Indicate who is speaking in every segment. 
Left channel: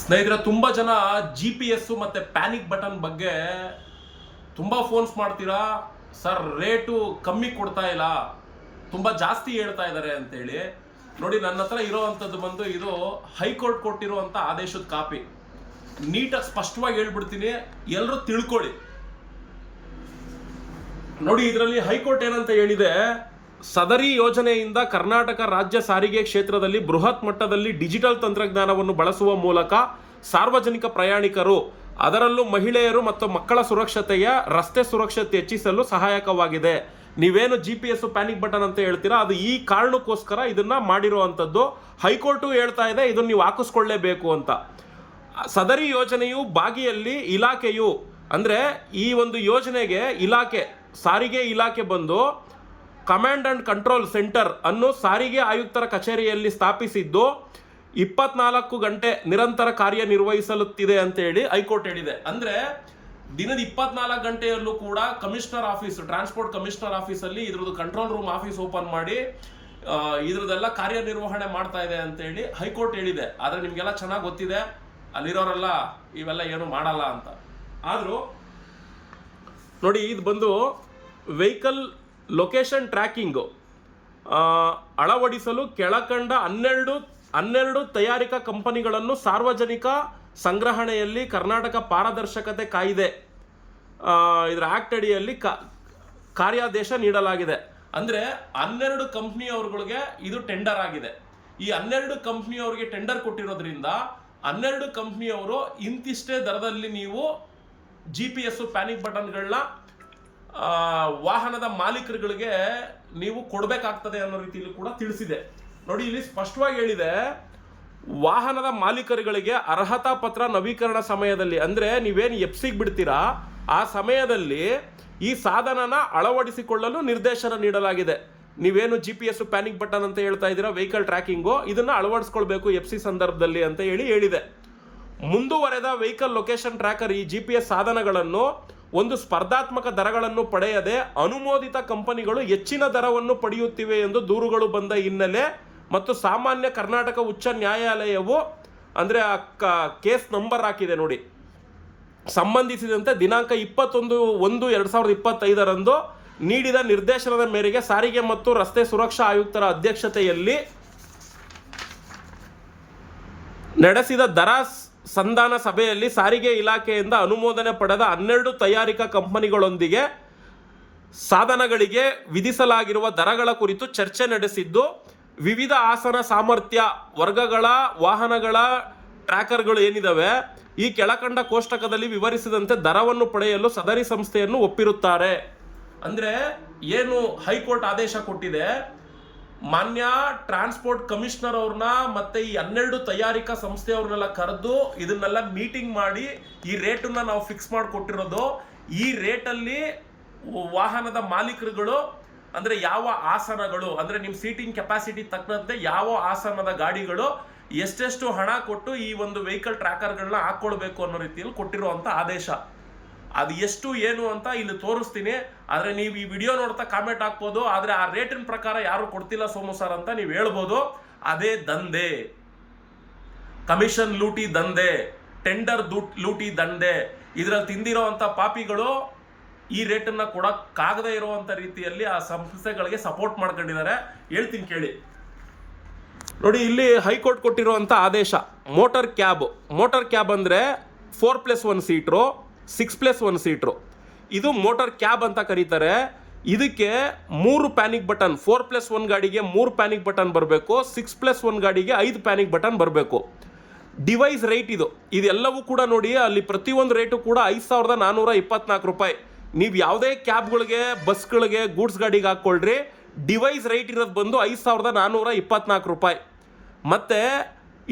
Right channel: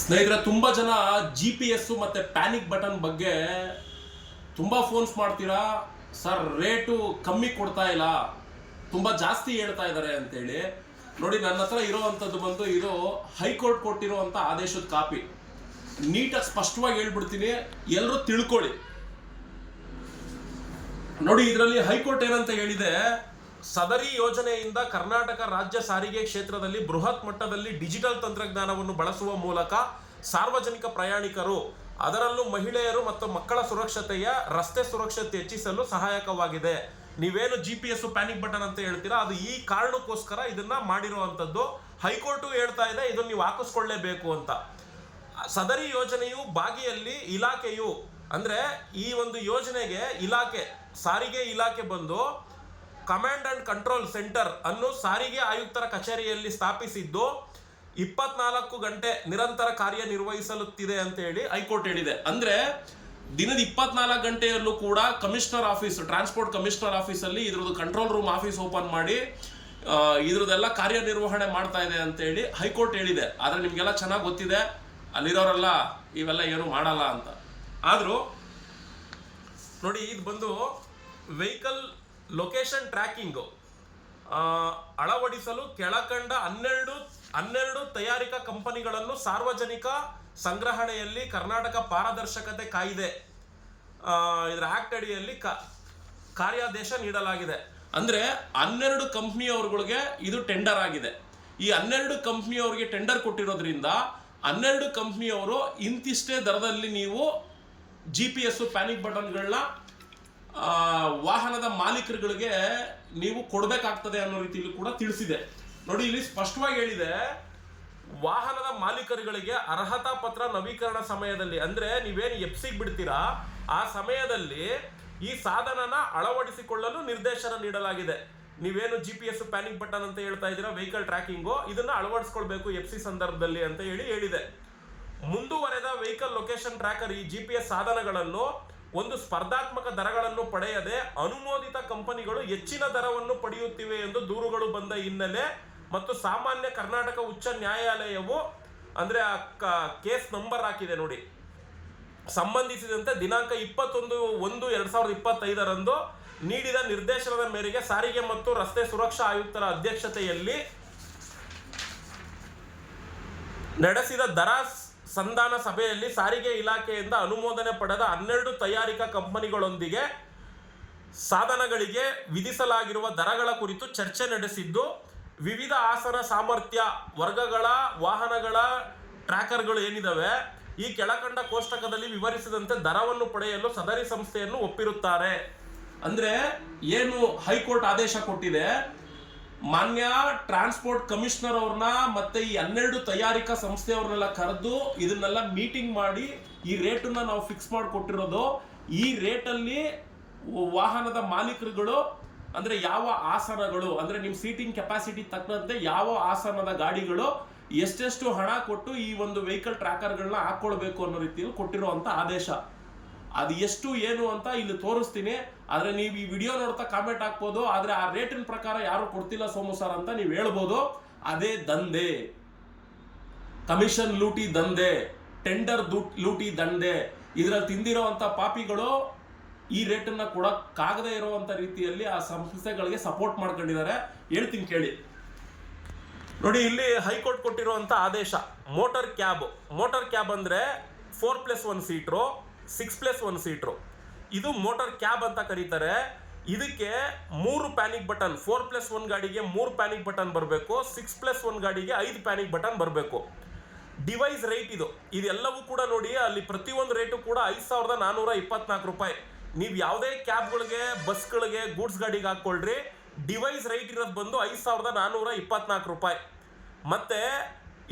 Speaker 1: ಸ್ನೇಹಿತರೆ, ತುಂಬ ಜನ ಜಿ ಪಿ ಎಸ್ಸು ಮತ್ತು ಪ್ಯಾನಿಕ್ ಬಟನ್ ಬಗ್ಗೆ ತುಂಬ ಫೋನ್ಸ್ ಮಾಡ್ತೀರಾ? ಸರ್ ರೇಟು ಕಮ್ಮಿ ಕೊಡ್ತಾ ಇಲ್ಲ. ತುಂಬ ಜಾಸ್ತಿ ಹೇಳ್ತಾ ಇದ್ದಾರೆ ಅಂತೇಳಿ. ನೋಡಿ, ನನ್ನ ಹತ್ರ ಇರೋವಂಥದ್ದು ಬಂದು ಇದು ಹೈಕೋರ್ಟ್ ಕೊಟ್ಟಿರುವಂಥ ಆದೇಶದ ಕಾಪಿ. ನೀಟಾಗಿ ಸ್ಪಷ್ಟವಾಗಿ ಹೇಳ್ಬಿಡ್ತೀನಿ ಎಲ್ಲರೂ ತಿಳ್ಕೊಳ್ಳಿ. ನೋಡಿ, ಇದರಲ್ಲಿ ಹೈಕೋರ್ಟ್ ಏನಂತ ಹೇಳಿದೆ ಸದರಿ ಯೋಜನೆಯಿಂದ ಕರ್ನಾಟಕ ರಾಜ್ಯ ಸಾರಿಗೆ ಕ್ಷೇತ್ರದಲ್ಲಿ ಬೃಹತ್ ಮಟ್ಟದಲ್ಲಿ ಡಿಜಿಟಲ್ ತಂತ್ರಜ್ಞಾನವನ್ನು ಬಳಸುವ ಮೂಲಕ ಸಾರ್ವಜನಿಕ ಪ್ರಯಾಣಿಕರು, ಅದರಲ್ಲೂ ಮಹಿಳೆಯರು ಮತ್ತು ಮಕ್ಕಳ ಸುರಕ್ಷತೆಯ ರಸ್ತೆ ಸುರಕ್ಷತೆ ಹೆಚ್ಚಿಸಲು ಸಹಾಯಕವಾಗಿದೆ. ನೀವೇನು G P S panic button ಅಂತ ಹೇಳ್ತೀರಾ? ಅದು ಈ ಕಾರಣಕ್ಕೋಸ್ಕರ ಇದನ್ನ ಮಾಡಿರುವಂಥದ್ದು. ಹೈಕೋರ್ಟು ಹೇಳ್ತಾ ಇದೆ, ಇದನ್ನು ನೀವು ಹಾಕಿಸ್ಕೊಳ್ಳೇಬೇಕು ಅಂತ. ಸದರಿ ಯೋಜನೆಯು ಬಾಗಿಯಲ್ಲಿ ಇಲಾಖೆಯು, ಅಂದ್ರೆ ಈ ಒಂದು ಯೋಜನೆಗೆ ಇಲಾಖೆ, ಸಾರಿಗೆ ಇಲಾಖೆ ಬಂದು ಕಮಾಂಡ್ ಅಂಡ್ ಕಂಟ್ರೋಲ್ ಸೆಂಟರ್ ಅನ್ನು ಸಾರಿಗೆ ಆಯುಕ್ತರ ಕಚೇರಿಯಲ್ಲಿ ಸ್ಥಾಪಿಸಿದ್ದು ಇಪ್ಪತ್ನಾಲ್ಕು ಗಂಟೆ ನಿರಂತರ ಕಾರ್ಯನಿರ್ವಹಿಸಲುತ್ತಿದೆ ಅಂತ ಹೇಳಿ ಹೈಕೋರ್ಟ್ ಹೇಳಿದೆ. ಅಂದ್ರೆ ದಿನದ ಇಪ್ಪತ್ನಾಲ್ಕು ಗಂಟೆಯಲ್ಲೂ ಕೂಡ ಕಮಿಷನರ್ ಆಫೀಸ್, ಟ್ರಾನ್ಸ್ಪೋರ್ಟ್ ಕಮಿಷನರ್ ಆಫೀಸಲ್ಲಿ ಇದ್ರದ್ದು ಕಂಟ್ರೋಲ್ ರೂಮ್ ಆಫೀಸ್ ಓಪನ್ ಮಾಡಿ ಇದರದ್ದೆಲ್ಲ ಕಾರ್ಯನಿರ್ವಹಣೆ ಮಾಡ್ತಾ ಇದೆ ಅಂತ ಹೇಳಿ ಹೈಕೋರ್ಟ್ ಹೇಳಿದೆ. ಆದರೆ ನಿಮಗೆಲ್ಲ ಚೆನ್ನಾಗಿ ಗೊತ್ತಿದೆ, ಅಲ್ಲಿರೋರೆಲ್ಲ ಇವೆಲ್ಲ ಏನು ಮಾಡಲ್ಲ ಅಂತ. ಆದರೂ ನೋಡಿ, ಇದು ಬಂದು ವೆಹಿಕಲ್ ಲೊಕೇಶನ್ ಟ್ರ್ಯಾಕಿಂಗು ಅಳವಡಿಸಲು ಕೆಳಕಂಡ ಹನ್ನೆರಡು ಹನ್ನೆರಡು ತಯಾರಿಕಾ ಕಂಪನಿಗಳನ್ನು ಸಾರ್ವಜನಿಕ ಸಂಗ್ರಹಣೆಯಲ್ಲಿ ಕರ್ನಾಟಕ ಪಾರದರ್ಶಕತೆ ಕಾಯಿದೆ ಇದರ ಆಕ್ಟ್ ಅಡಿಯಲ್ಲಿ ಕಾರ್ಯಾದೇಶ ನೀಡಲಾಗಿದೆ. ಅಂದರೆ ಹನ್ನೆರಡು ಕಂಪ್ನಿಯವ್ರಗಳಿಗೆ ಇದು ಟೆಂಡರ್ ಆಗಿದೆ. ಈ ಹನ್ನೆರಡು ಕಂಪ್ನಿಯವ್ರಿಗೆ ಟೆಂಡರ್ ಕೊಟ್ಟಿರೋದ್ರಿಂದ ಹನ್ನೆರಡು ಕಂಪ್ನಿಯವರು ಇಂತಿಷ್ಟೇ ದರದಲ್ಲಿ ನೀವು ಜಿ ಪಿ ಎಸ್ಸು ಪ್ಯಾನಿಕ್ ಬಟನ್ಗಳನ್ನ ವಾಹನದ ಮಾಲೀಕರುಗಳಿಗೆ ನೀವು ಕೊಡಬೇಕಾಗ್ತದೆ ಅನ್ನೋ ರೀತಿಯಲ್ಲಿ ಕೂಡ ತಿಳಿಸಿದೆ. ನೋಡಿ, ಇಲ್ಲಿ ಸ್ಪಷ್ಟವಾಗಿ ಹೇಳಿದೆ, ವಾಹನದ ಮಾಲೀಕರುಗಳಿಗೆ ಅರ್ಹತಾ ಪತ್ರ ನವೀಕರಣ ಸಮಯದಲ್ಲಿ, ಅಂದ್ರೆ ನೀವೇನು ಎಫ್ಸಿಗೆ ಬಿಡ್ತೀರಾ, ಆ ಸಮಯದಲ್ಲಿ ಈ ಸಾಧನನ ಅಳವಡಿಸಿಕೊಳ್ಳಲು ನಿರ್ದೇಶನ ನೀಡಲಾಗಿದೆ. ನೀವೇನು G P S panic button ಅಂತ ಹೇಳ್ತಾ ಇದ್ದೀರಾ ವೆಹಿಕಲ್ ಟ್ರ್ಯಾಕಿಂಗು ಇದನ್ನ ಅಳವಡಿಸ್ಕೊಳ್ಬೇಕು ಎಫ್ ಸಿ ಸಂದರ್ಭದಲ್ಲಿ ಅಂತ ಹೇಳಿ ಹೇಳಿದೆ. ಮುಂದುವರೆದ ವೆಹಿಕಲ್ ಲೊಕೇಶನ್ ಟ್ರ್ಯಾಕರ್ ಈ ಜಿ ಪಿ ಎಸ್ ಸಾಧನಗಳನ್ನು ಒಂದು ಸ್ಪರ್ಧಾತ್ಮಕ ದರಗಳನ್ನು ಪಡೆಯದೆ ಅನುಮೋದಿತ ಕಂಪನಿಗಳು ಹೆಚ್ಚಿನ ದರವನ್ನು ಪಡೆಯುತ್ತಿವೆ ಎಂದು ದೂರುಗಳು ಬಂದ ಹಿನ್ನೆಲೆ ಮತ್ತು ಸಾಮಾನ್ಯ ಕರ್ನಾಟಕ ಉಚ್ಚ ನ್ಯಾಯಾಲಯವು ಅಂದ್ರೆ ಆ ಕೇಸ್ ನಂಬರ್ ಹಾಕಿದೆ ನೋಡಿ. ಸಂಬಂಧಿಸಿದಂತೆ ದಿನಾಂಕ ಇಪ್ಪತ್ತೊಂದು ಒಂದು ಎರಡು ಸಾವಿರದ ಇಪ್ಪತ್ತೈದರಂದು ನೀಡಿದ ನಿರ್ದೇಶನದ ಮೇರೆಗೆ ಸಾರಿಗೆ ಮತ್ತು ರಸ್ತೆ ಸುರಕ್ಷಾ ಆಯುಕ್ತರ ಅಧ್ಯಕ್ಷತೆಯಲ್ಲಿ ನಡೆಸಿದ ದರ ಸಂಧಾನ ಸಭೆಯಲ್ಲಿ ಸಾರಿಗೆ ಇಲಾಖೆಯಿಂದ ಅನುಮೋದನೆ ಪಡೆದ ಹನ್ನೆರಡು ತಯಾರಿಕಾ ಕಂಪನಿಗಳೊಂದಿಗೆ ಸಾಧನಗಳಿಗೆ ವಿಧಿಸಲಾಗಿರುವ ದರಗಳ ಕುರಿತು ಚರ್ಚೆ ನಡೆಸಿದ್ದು, ವಿವಿಧ ಆಸನ ಸಾಮರ್ಥ್ಯ ವರ್ಗಗಳ ವಾಹನಗಳ ಟ್ರ್ಯಾಕರ್ಗಳು ಏನಿದಾವೆ, ಈ ಕೆಳಕಂಡ ಕೋಷ್ಟಕದಲ್ಲಿ ವಿವರಿಸಿದಂತೆ ದರವನ್ನು ಪಡೆಯಲು ಸದರಿ ಸಂಸ್ಥೆಯನ್ನು ಒಪ್ಪಿರುತ್ತಾರೆ. ಅಂದ್ರೆ ಏನು ಹೈಕೋರ್ಟ್ ಆದೇಶ ಕೊಟ್ಟಿದೆ ಮಾನ್ಯ ಟ್ರಾನ್ಸ್ಪೋರ್ಟ್ ಕಮಿಷನರ್ ಅವ್ರನ್ನ ಮತ್ತೆ ಈ ಹನ್ನೆರಡು ತಯಾರಿಕಾ ಸಂಸ್ಥೆಯವ್ರನ್ನೆಲ್ಲ ಕರೆದು ಇದನ್ನೆಲ್ಲ ಮೀಟಿಂಗ್ ಮಾಡಿ ಈ ರೇಟನ್ನ ನಾವು ಫಿಕ್ಸ್ ಮಾಡಿಕೊಟ್ಟಿರೋದು. ಈ ರೇಟಲ್ಲಿ ವಾಹನದ ಮಾಲೀಕರುಗಳು, ಅಂದ್ರೆ ಯಾವ ಆಸನಗಳು, ಅಂದ್ರೆ ನಿಮ್ಮ ಸೀಟಿಂಗ್ ಕೆಪಾಸಿಟಿ ತಕ್ಕಂತೆ ಯಾವ ಆಸನದ ಗಾಡಿಗಳು ಎಷ್ಟೆಷ್ಟು ಹಣ ಕೊಟ್ಟು ಈ ಒಂದು ವೆಹಿಕಲ್ ಟ್ರ್ಯಾಕರ್ಗಳನ್ನ ಹಾಕ್ಕೊಳ್ಬೇಕು ಅನ್ನೋ ರೀತಿಯಲ್ಲಿ ಕೊಟ್ಟಿರುವಂತ ಆದೇಶ. ಅದು ಎಷ್ಟು, ಏನು ಅಂತ ಇಲ್ಲಿ ತೋರಿಸ್ತೀನಿ. ಆದರೆ ನೀವು ಈ ವಿಡಿಯೋ ನೋಡ್ತಾ ಕಾಮೆಂಟ್ ಹಾಕ್ಬೋದು, ಆದರೆ ಆ ರೇಟಿನ ಪ್ರಕಾರ ಯಾರು ಕೊಡ್ತಿಲ್ಲ ಸೋಮು ಸರ್ ಅಂತ ನೀವು ಹೇಳ್ಬೋದು, ಅದೇ ದಂಧೆ. ಕಮಿಷನ್ ಲೂಟಿ ದಂಧೆ ಟೆಂಡರ್ ಲೂಟಿ ದಂಧೆ. ಇದರಲ್ಲಿ ತಿಂದಿರೋವಂಥ ಪಾಪಿಗಳು ಈ ರೇಟನ್ನು ಕೊಡೋಕ್ಕಾಗದೇ ಇರುವಂಥ ರೀತಿಯಲ್ಲಿ ಆ ಸಂಸ್ಥೆಗಳಿಗೆ ಸಪೋರ್ಟ್ ಮಾಡ್ಕೊಂಡಿದ್ದಾರೆ. ಹೇಳ್ತೀನಿ ಕೇಳಿ. ನೋಡಿ, ಇಲ್ಲಿ ಹೈಕೋರ್ಟ್ ಕೊಟ್ಟಿರುವಂಥ ಆದೇಶ ಮೋಟರ್ ಕ್ಯಾಬ್ ಮೋಟರ್ ಕ್ಯಾಬ್ ಅಂದರೆ four plus one seater six plus one seater ಇದು ಮೋಟಾರ್ ಕ್ಯಾಬ್ ಅಂತ ಕರೀತಾರೆ. ಇದಕ್ಕೆ ಮೂರು panic button four plus one ಗಾಡಿಗೆ ಮೂರು ಪ್ಯಾನಿಕ್ ಬಟನ್ ಬರಬೇಕು ಸಿಕ್ಸ್ ಪ್ಲಸ್ ಒನ್ ಗಾಡಿಗೆ ಐದು ಪ್ಯಾನಿಕ್ ಬಟನ್ ಬರಬೇಕು. ಡಿವೈಸ್ ರೇಟ್ ಇದು. ಇದೆಲ್ಲವೂ ಕೂಡ ನೋಡಿ, ಅಲ್ಲಿ ಪ್ರತಿಯೊಂದು ರೇಟು ಕೂಡ ಐದು ಸಾವಿರದ ನಾನ್ನೂರ ಇಪ್ಪತ್ನಾಲ್ಕು ರೂಪಾಯಿ. ನೀವು ಯಾವುದೇ ಕ್ಯಾಬ್ಗಳಿಗೆ ಬಸ್ಗಳಿಗೆ ಗೂಡ್ಸ್ ಗಾಡಿಗೆ ಹಾಕ್ಕೊಳ್ರಿ ಡಿವೈಸ್ ರೇಟ್ ಇರೋದು ಬಂದು ಐದು ಸಾವಿರದ ನಾನ್ನೂರ ಇಪ್ಪತ್ನಾಲ್ಕು ರೂಪಾಯಿ. ಮತ್ತೆ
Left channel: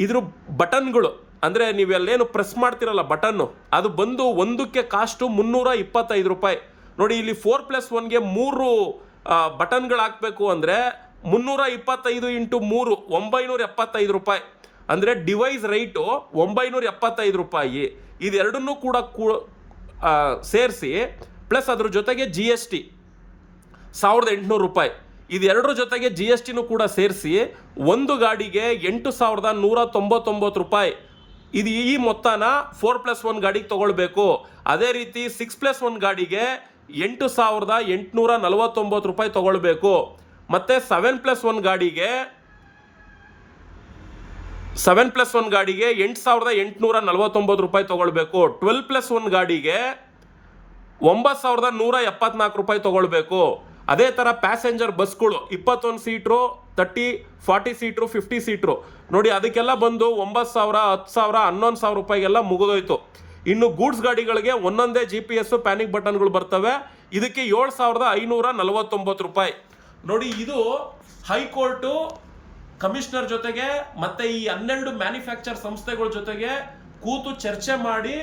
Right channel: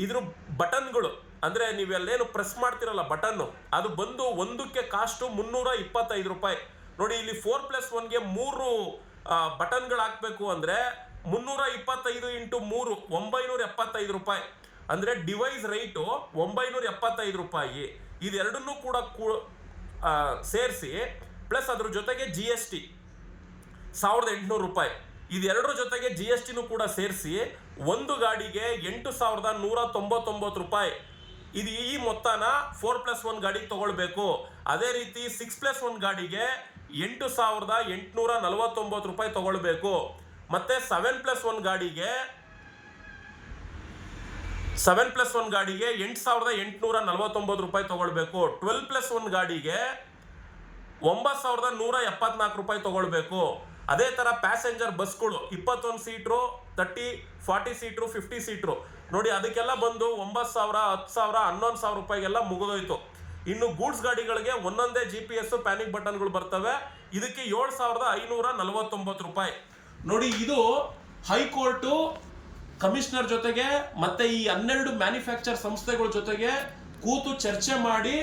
Speaker 1: ಇದ್ರ ಬಟನ್ಗಳು ಅಂದರೆ ನೀವೆಲ್ಲೇನು ಪ್ರೆಸ್ ಮಾಡ್ತಿರಲ್ಲ ಬಟನ್ನು ಅದು ಬಂದು ಒಂದಕ್ಕೆ ಕಾಸ್ಟು ಮುನ್ನೂರ ಇಪ್ಪತ್ತೈದು ರೂಪಾಯಿ. ನೋಡಿ, ಇಲ್ಲಿ ಫೋರ್ ಪ್ಲಸ್ ಒನ್ಗೆ ಮೂರು ಬಟನ್ಗಳು ಹಾಕಬೇಕು ಅಂದರೆ ಮುನ್ನೂರ ಇಪ್ಪತ್ತೈದು ಇಂಟು ಮೂರು ಒಂಬೈನೂರ ಎಪ್ಪತ್ತೈದು ರೂಪಾಯಿ. ಅಂದರೆ ಡಿವೈಸ್ ರೈಟು ಒಂಬೈನೂರ ಎಪ್ಪತ್ತೈದು ರೂಪಾಯಿ. ಇದೆರಡನ್ನೂ ಕೂಡ ಸೇರಿಸಿ ಪ್ಲಸ್ ಅದ್ರ ಜೊತೆಗೆ ಜಿ ಎಸ್ ಟಿ ಸಾವಿರದ ಎಂಟುನೂರು ರೂಪಾಯಿ. ಇದೆರಡರ ಜೊತೆಗೆ ಜಿ ಎಸ್ ಟಿನೂ ಕೂಡ ಸೇರಿಸಿ, ಒಂದು ಗಾಡಿಗೆ ಎಂಟು ಸಾವಿರದ ನೂರ ತೊಂಬತ್ತೊಂಬತ್ತು ರೂಪಾಯಿ. ಇದು ಈ ಮೊತ್ತನ ಫೋರ್ ಪ್ಲಸ್ ಒನ್ ಗಾಡಿಗೆ ತಗೊಳ್ಬೇಕು. ಅದೇ ರೀತಿ ಸಿಕ್ಸ್ ಪ್ಲಸ್ ಒನ್ ಗಾಡಿಗೆ ಎಂಟು ಸಾವಿರದ ಎಂಟುನೂರ ನಲವತ್ತೊಂಬತ್ತು ರೂಪಾಯಿ ತಗೊಳ್ಬೇಕು. ಮತ್ತೆ ಸೆವೆನ್ ಪ್ಲಸ್ ಒನ್ ಗಾಡಿಗೆ ಸೆವೆನ್ ಪ್ಲಸ್ ಒನ್ ಗಾಡಿಗೆ ಎಂಟು ಸಾವಿರದ ಎಂಟುನೂರ ನಲವತ್ತೊಂಬತ್ತು ರೂಪಾಯಿ ತಗೊಳ್ಬೇಕು. ಟ್ವೆಲ್ ಪ್ಲಸ್ ಒನ್ ಗಾಡಿಗೆ ಒಂಬತ್ತು ಸಾವಿರದ ನೂರ ಎಪ್ಪತ್ನಾಲ್ಕು ರೂಪಾಯಿ ತಗೊಳ್ಬೇಕು. ಅದೇ ಥರ ಪ್ಯಾಸೆಂಜರ್ ಬಸ್ಗಳು ಇಪ್ಪತ್ತೊಂದು seater thirty forty seater fifty seater ನೋಡಿ, ಅದಕ್ಕೆಲ್ಲ ಬಂದು ಒಂಬತ್ತು ಸಾವಿರ, ಹತ್ತು ಸಾವಿರ, ಹನ್ನೊಂದು ಸಾವಿರ ರೂಪಾಯಿಗೆಲ್ಲ ಮುಗಿದೋಯ್ತು. ಇನ್ನು ಗೂಡ್ಸ್ ಗಾಡಿಗಳಿಗೆ ಒಂದೊಂದೇ ಜಿ ಪಿ ಎಸ್ ಪ್ಯಾನಿಕ್ ಬಟನ್ಗಳು ಬರ್ತವೆ. ಇದಕ್ಕೆ ಏಳು ಸಾವಿರದ ಐನೂರ ನಲವತ್ತೊಂಬತ್ತು ರೂಪಾಯಿ. ನೋಡಿ, ಇದು ಹೈಕೋರ್ಟು ಕಮಿಷನರ್ ಜೊತೆಗೆ ಮತ್ತೆ ಈ ಹನ್ನೆರಡು ಮ್ಯಾನುಫ್ಯಾಕ್ಚರ್ ಸಂಸ್ಥೆಗಳ ಜೊತೆಗೆ ಕೂತು ಚರ್ಚೆ ಮಾಡಿ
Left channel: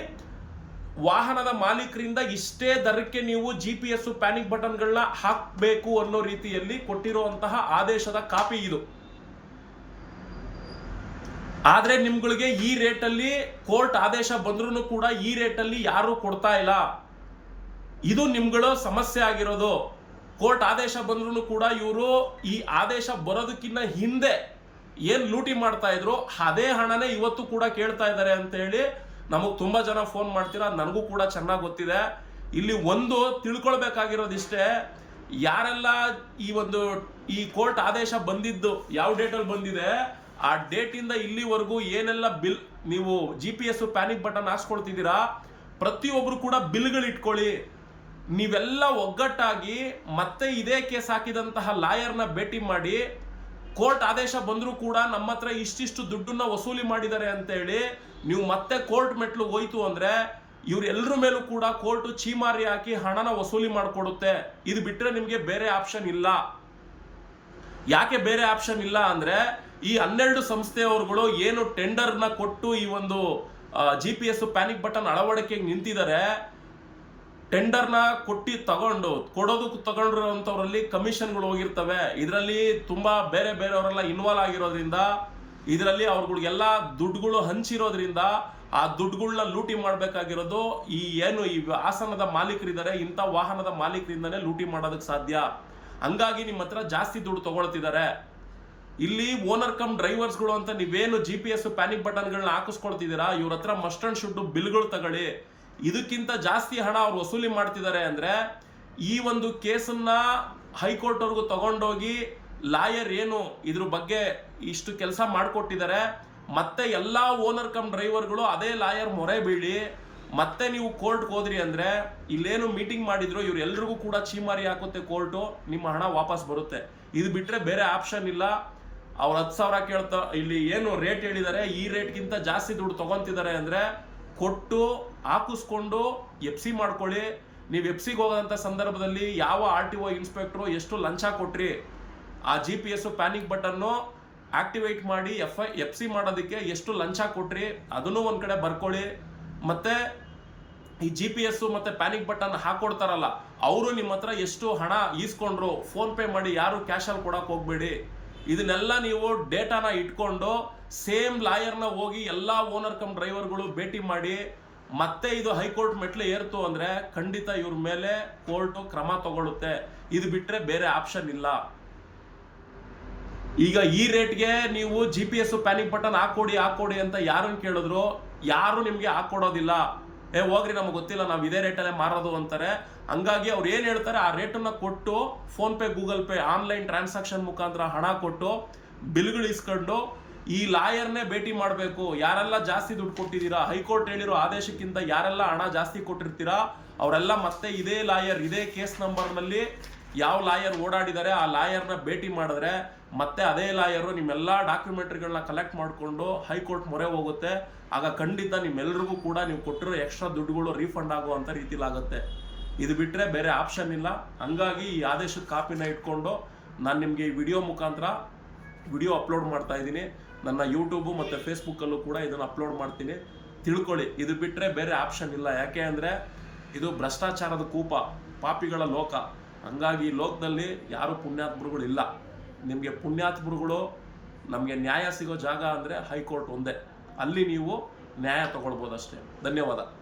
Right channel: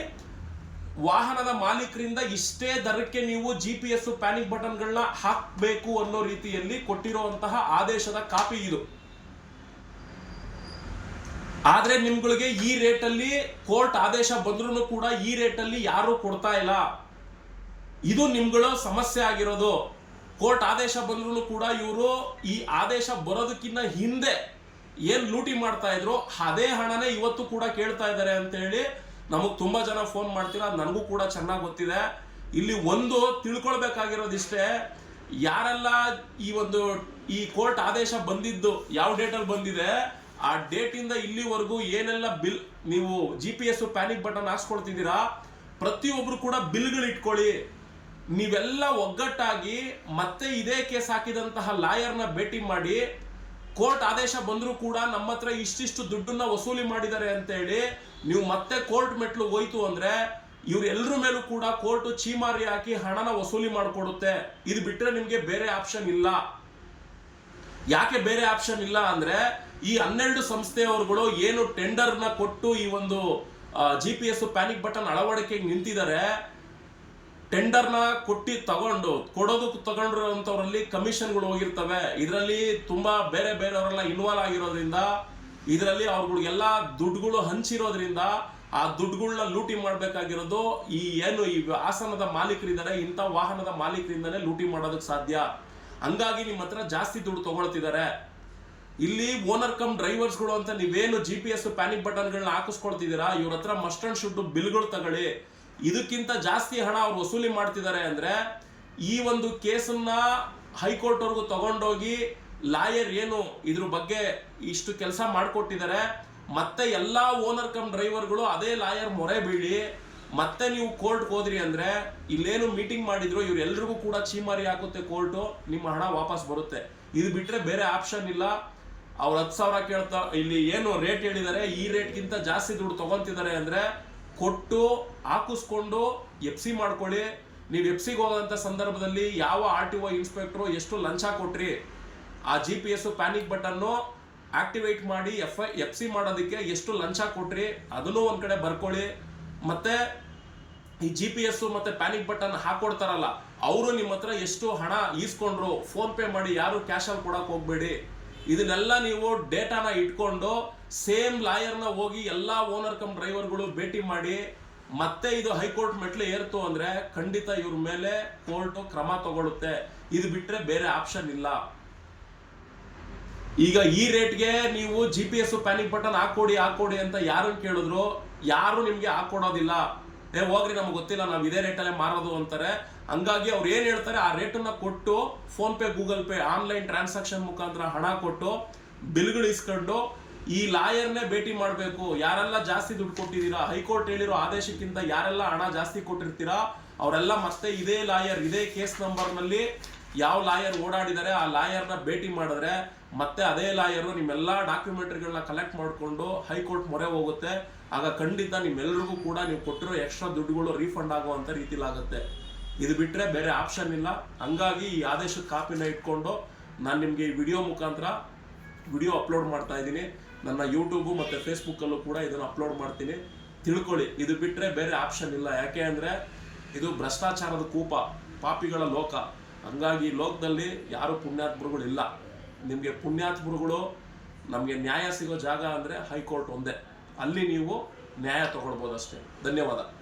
Speaker 1: ವಾಹನದ ಮಾಲೀಕರಿಂದ ಇಷ್ಟೇ ದರಕ್ಕೆ ನೀವು ಜಿ ಪಿ ಎಸ್ ಪ್ಯಾನಿಕ್ ಬಟನ್ಗಳನ್ನ ಹಾಕಬೇಕು ಅನ್ನೋ ರೀತಿಯಲ್ಲಿ ಕೊಟ್ಟಿರುವಂತಹ ಆದೇಶದ ಕಾಪಿ ಇದು. ಆದರೆ ನಿಮ್ಗಳಿಗೆ ಈ ರೇಟಲ್ಲಿ ಕೋರ್ಟ್ ಆದೇಶ ಬಂದ್ರೂ ಕೂಡ ಈ ರೇಟಲ್ಲಿ ಯಾರು ಕೊಡ್ತಾ ಇಲ್ಲ. ಇದು ನಿಮ್ಗಳು ಸಮಸ್ಯೆ ಆಗಿರೋದು. ಕೋರ್ಟ್ ಆದೇಶ ಬಂದ್ರೂ ಕೂಡ ಇವರು ಈ ಆದೇಶ ಬರೋದಕ್ಕಿಂತ ಹಿಂದೆ ಏನು ಲೂಟಿ ಮಾಡ್ತಾ ಇದ್ರು, ಅದೇ ಹಣನೇ ಇವತ್ತು ಕೂಡ ಕೇಳ್ತಾ ಇದ್ದಾರೆ ಅಂತ ಹೇಳಿ ನಮಗ್ ತುಂಬಾ ಜನ ಫೋನ್ ಮಾಡ್ತೀರಾ? ನನಗೂ ಕೂಡ ಚೆನ್ನಾಗಿ ಗೊತ್ತಿದೆ. ಇಲ್ಲಿ ಒಂದು ತಿಳ್ಕೊಳ್ಬೇಕಾಗಿರೋದಿಷ್ಟೇ, ಯಾರೆಲ್ಲ ಈ ಒಂದು, ಈ ಕೋರ್ಟ್ ಆದೇಶ ಬಂದಿದ್ದು, ಯಾವ ಡೇಟಲ್ಲಿ ಬಂದಿದೆ, ಆ ಡೇಟಿಂದ ಇಲ್ಲಿವರೆಗೂ ಏನೆಲ್ಲ ಬಿಲ್, ನೀವು G P S panic button ಹಾಕ್ಸ್ಕೊಳ್ತಿದ್ದೀರಾ ಪ್ರತಿಯೊಬ್ರು ಕೂಡ ಬಿಲ್ಗಳು ಇಟ್ಕೊಳ್ಳಿ. ನೀವೆಲ್ಲ ಒಗ್ಗಟ್ಟಾಗಿ ಮತ್ತೆ ಇದೇ ಕೇಸ್ ಹಾಕಿದಂತಹ ಲಾಯರ್ನ ಭೇಟಿ ಮಾಡಿ, ಕೋರ್ಟ್ ಆದೇಶ ಬಂದರೂ ಕೂಡ ನಮ್ಮ ಹತ್ರ ಇಷ್ಟಿಷ್ಟು ದುಡ್ಡನ್ನ ವಸೂಲಿ ಮಾಡಿದ್ದಾರೆ ಅಂತ ಹೇಳಿ ನೀವು ಮತ್ತೆ ಕೋರ್ಟ್ ಮೆಟ್ಲು ಹೋಯ್ತು ಅಂದ್ರೆ ಇವರೆಲ್ಲರ ಮೇಲೂ ಕೂಡ ಕೋರ್ಟು ಚೀಮಾರಿ ಹಾಕಿ ಹಣನ ವಸೂಲಿ ಮಾಡಿಕೊಡುತ್ತೆ. ಇದು ಬಿಟ್ರೆ ನಿಮಗೆ ಬೇರೆ ಆಪ್ಷನ್ ಇಲ್ಲ. ಯಾಕೆ ಬೇರೆ ಆಪ್ಷನ್ ಇಲ್ಲ ಅಂದ್ರೆ ಈ ಹನ್ನೆರಡು ಸಂಸ್ಥೆಯವರುಗಳು ಏನು ಟೆಂಡರ್ನ ಕೊಟ್ಟು ಈ ಒಂದು G P S panic button ಅಳವಡಿಕೆಗೆ ನಿಂತಿದ್ದಾರೆ ಟೆಂಡರ್ನ ಕೊಟ್ಟು ತಗೊಂಡು ಕೊಡೋದಕ್ಕೆ ತಗೊಂಡಿರೋಂಥವ್ರಲ್ಲಿ ಕಮಿಷನ್ಗಳು ಹೋಗಿರ್ತವೆ. ಇದರಲ್ಲಿ ತುಂಬಾ ಬೇರೆ ಬೇರೆಯವರೆಲ್ಲ ಇನ್ವಾಲ್ವ್ ಆಗಿರೋದ್ರಿಂದ ಇದರಲ್ಲಿ ಅವ್ರಗಳಿಗೆಲ್ಲ ದುಡ್ಡುಗಳು ಹಂಚಿರೋದ್ರಿಂದ ಆ ದುಡ್ಡುಗಳನ್ನ ಲೂಟಿ ಮಾಡಬೇಕಾಗಿರೋದು ಈ ಏನು ಈ ಆಸನದ ಮಾಲೀಕರಿದ್ದಾರೆ, ಇಂಥ ವಾಹನದ ಮಾಲೀಕರಿಂದನೇ ಲೂಟಿ ಮಾಡೋದಕ್ಕೆ ಸಾಧ್ಯ. ಹಂಗಾಗಿ ನಿಮ್ಮ ಹತ್ರ ಜಾಸ್ತಿ ದುಡ್ಡು ತಗೊಳ್ತಿದ್ದಾರೆ. ಇಲ್ಲಿ ಓನರ್ ಕಮ್ ಡ್ರೈವರ್ಸ್ಗಳು ಅಂತ ನೀವೇನು ಜಿ ಪಿ ಎಸ್ ಪ್ಯಾನಿಕ್ ಬಟನ್ಗಳನ್ನ ಹಾಕಿಸ್ಕೊಳ್ತಿದ್ದೀರಾ? ಇವ್ರ ಹತ್ರ ಮಸ್ಟ್ ಅಂಡ್ ಶುಡ್ ಬಿಲ್ಗಳು ತಗೊಳ್ಳಿ. ಇದಕ್ಕಿಂತ ಜಾಸ್ತಿ ಹಣ ಅವ್ರು ವಸೂಲಿ ಮಾಡ್ತಿದ್ದಾರೆ ಅಂದ್ರೆ ಈ ಒಂದು ಕೇಸನ್ನ ಹೈಕೋರ್ಟ್ ಅವ್ರಿಗೂ ತಗೊಂಡೋಗಿ ಲಾಯರ್ ಏನು ಇದ್ರ ಬಗ್ಗೆ ಇಷ್ಟು ಕೆಲಸ ಮಾಡಿಕೊಟ್ಟಿದ್ದಾರೆ, ಮತ್ತೆ ಎಲ್ಲಾ ಓನರ್ ಕಮ್ ಡ್ರೈವರ್ಗಳು ಅದೇ ಲಾಯರ್ ಮೊರೆ ಬೀಳಿ, ಮತ್ತೆ ನೀವು ಕೋರ್ಟ್ಗೆ ಹೋದ್ರಿ ಅಂದ್ರೆ ಇಲ್ಲೇನು ಮೀಟಿಂಗ್ ಮಾಡಿದ್ರು, ಇವ್ರು ಎಲ್ರಿಗೂ ಕೂಡ ಚೀಮಾರಿ ಹಾಕುತ್ತೆ ಕೋರ್ಟು, ನಿಮ್ಮ ಹಣ ವಾಪಸ್ ಬರುತ್ತೆ. ಇದು ಬಿಟ್ರೆ ಬೇರೆ ಆಪ್ಷನ್ ಇಲ್ಲ. ಅವ್ರು ಹತ್ತು ಸಾವಿರ ಕೇಳ್ತಾ, ಇಲ್ಲಿ ಏನು ರೇಟ್ ಹೇಳಿದ್ದಾರೆ, ಈ ರೇಟ್ಗಿಂತ ಜಾಸ್ತಿ ದುಡ್ಡು ತಗೊಂತಿದ್ದಾರೆ ಅಂದ್ರೆ ಕೊಟ್ಟು ಹಾಕಿಸ್ಕೊಂಡು ಎಫ್ ಸಿ ಮಾಡ್ಕೊಳ್ಳಿ. ನೀವು ಎಫ್ ಸಿಗೆ ಹೋಗೋದಂಥ ಸಂದರ್ಭದಲ್ಲಿ ಯಾವ ಆರ್ ಟಿ ಒ ಇನ್ಸ್ಪೆಕ್ಟ್ರು ಎಷ್ಟು ಲಂಚ ಕೊಟ್ರಿ ಆ G P S panic button activate ಮಾಡಿ ಎಫ್ ಐ ಎಫ್ ಸಿ ಮಾಡೋದಕ್ಕೆ ಎಷ್ಟು ಲಂಚ ಕೊಟ್ರಿ, ಅದನ್ನು ಒಂದು ಕಡೆ ಬರ್ಕೊಳ್ಳಿ. ಮತ್ತೆ ಈ ಜಿ ಪಿ ಎಸ್ಸು ಮತ್ತೆ ಪ್ಯಾನಿಕ್ ಬಟನ್ ಹಾಕೊಡ್ತಾರಲ್ಲ, ಅವರು ನಿಮ್ಮ ಹತ್ರ ಎಷ್ಟು ಹಣ ಈಸ್ಕೊಂಡ್ರು ಫೋನ್ ಪೇ ಮಾಡಿ ಯಾರು ಕ್ಯಾಶಲ್ಲಿ ಕೊಡೋಕೆ ಹೋಗಬೇಡಿ. ಇದನ್ನೆಲ್ಲ ನೀವು ಡೇಟಾನ ಇಟ್ಕೊಂಡು ಸೇಮ್ ಲಾಯರ್ನ ಹೋಗಿ ಎಲ್ಲಾ ಓನರ್ ಕಮ್ ಡ್ರೈವರ್ಗಳು ಭೇಟಿ ಮಾಡಿ, ಮತ್ತೆ ಇದು ಹೈಕೋರ್ಟ್ ಮೆಟ್ಲು ಏರ್ತು ಅಂದ್ರೆ ಖಂಡಿತ ಇವ್ರ ಮೇಲೆ ಕೋರ್ಟ್ ಕ್ರಮ ತಗೊಳುತ್ತೆ. ಇದು ಬಿಟ್ರೆ ಬೇರೆ ಆಪ್ಷನ್ ಇಲ್ಲ. ಈಗ ಈ ರೇಟ್ಗೆ ನೀವು G P S panic button ಹಾಕೊಡಿ ಹಾಕೊಡಿ ಅಂತ ಯಾರನ್ನ ಕೇಳಿದ್ರು? ಯಾರು ನಿಮಗೆ ಹಾಕೊಡೋದಿಲ್ಲ ಏ, ಹೋಗ್ರಿ, ನಮ್ಗೆ ಗೊತ್ತಿಲ್ಲ, ನಾವು ಇದೇ ರೇಟಲ್ಲೇ ಮಾರೋದು ಅಂತಾರೆ. ಹಂಗಾಗಿ ಅವ್ರು ಏನು ಹೇಳ್ತಾರೆ, ಆ ರೇಟನ್ನು ಕೊಟ್ಟು PhonePe, Google pay, online transaction ಮುಖಾಂತರ ಹಣ ಕೊಟ್ಟು ಬಿಲ್ಗಳು ಇಸ್ಕೊಂಡು ಈ ಲಾಯರ್ನೇ ಭೇಟಿ ಮಾಡಬೇಕು. ಯಾರೆಲ್ಲ ಜಾಸ್ತಿ ದುಡ್ಡು ಕೊಟ್ಟಿದ್ದೀರಾ, ಹೈಕೋರ್ಟ್ ಹೇಳಿರೋ ಆದೇಶಕ್ಕಿಂತ ಯಾರೆಲ್ಲ ಹಣ ಜಾಸ್ತಿ ಕೊಟ್ಟಿರ್ತೀರಾ, ಅವರೆಲ್ಲ ಮತ್ತೆ ಇದೇ ಲಾಯರ್, ಇದೇ ಕೇಸ್ ನಂಬರ್ನಲ್ಲಿ ಯಾವ ಲಾಯರ್ ಓಡಾಡಿದ್ದಾರೆ, ಆ ಲಾಯರ್ನ ಭೇಟಿ ಮಾಡಿದ್ರೆ ಮತ್ತೆ ಅದೇ ಲಾಯರು ನಿಮ್ಮೆಲ್ಲ ಡಾಕ್ಯುಮೆಂಟ್ರಿಗಳನ್ನ ಕಲೆಕ್ಟ್ ಮಾಡಿಕೊಂಡು ಹೈಕೋರ್ಟ್ ಮೊರೆ ಹೋಗುತ್ತೆ. ಆಗ ಖಂಡಿತ ನಿಮ್ಮೆಲ್ಲರಿಗೂ ಕೂಡ ನೀವು ಕೊಟ್ಟಿರೋ ಎಕ್ಸ್ಟ್ರಾ ದುಡ್ಡುಗಳು ರೀಫಂಡ್ ಆಗುವಂಥ ರೀತಿಲಾಗುತ್ತೆ ಇದು ಬಿಟ್ಟರೆ ಬೇರೆ ಆಪ್ಷನ್ ಇಲ್ಲ. ಹಂಗಾಗಿ ಈ ಆದೇಶದ ಕಾಪಿನ ಇಟ್ಕೊಂಡು ನಾನು ನಿಮಗೆ ಈ ವಿಡಿಯೋ ಮುಖಾಂತರ ವಿಡಿಯೋ ಅಪ್ಲೋಡ್ ಮಾಡ್ತಾ ಇದ್ದೀನಿ. ನನ್ನ ಯೂಟ್ಯೂಬು ಮತ್ತು ಫೇಸ್ಬುಕ್ಕಲ್ಲೂ ಕೂಡ ಇದನ್ನು ಅಪ್ಲೋಡ್ ಮಾಡ್ತೀನಿ. ತಿಳ್ಕೊಳ್ಳಿ, ಇದು ಬಿಟ್ಟರೆ ಬೇರೆ ಆಪ್ಷನ್ ಇಲ್ಲ. ಯಾಕೆ ಅಂದರೆ ಇದು ಭ್ರಷ್ಟಾಚಾರದ ಕೂಪ, ಪಾಪಿಗಳ ಲೋಕ. ಹಂಗಾಗಿ ಲೋಕದಲ್ಲಿ ಯಾರು ಪುಣ್ಯಾತ್ಮರುಗಳು ಇಲ್ಲ ನಿಮಗೆ ಪುಣ್ಯಾತ್ಮರುಗಳು, ನಮಗೆ ನ್ಯಾಯ ಸಿಗೋ ಜಾಗ ಅಂದರೆ ಹೈಕೋರ್ಟ್ ಒಂದೇ. ಅಲ್ಲಿ ನೀವು ನ್ಯಾಯ ತಗೊಳ್ಬೋದು ಅಷ್ಟೇ ಧನ್ಯವಾದ.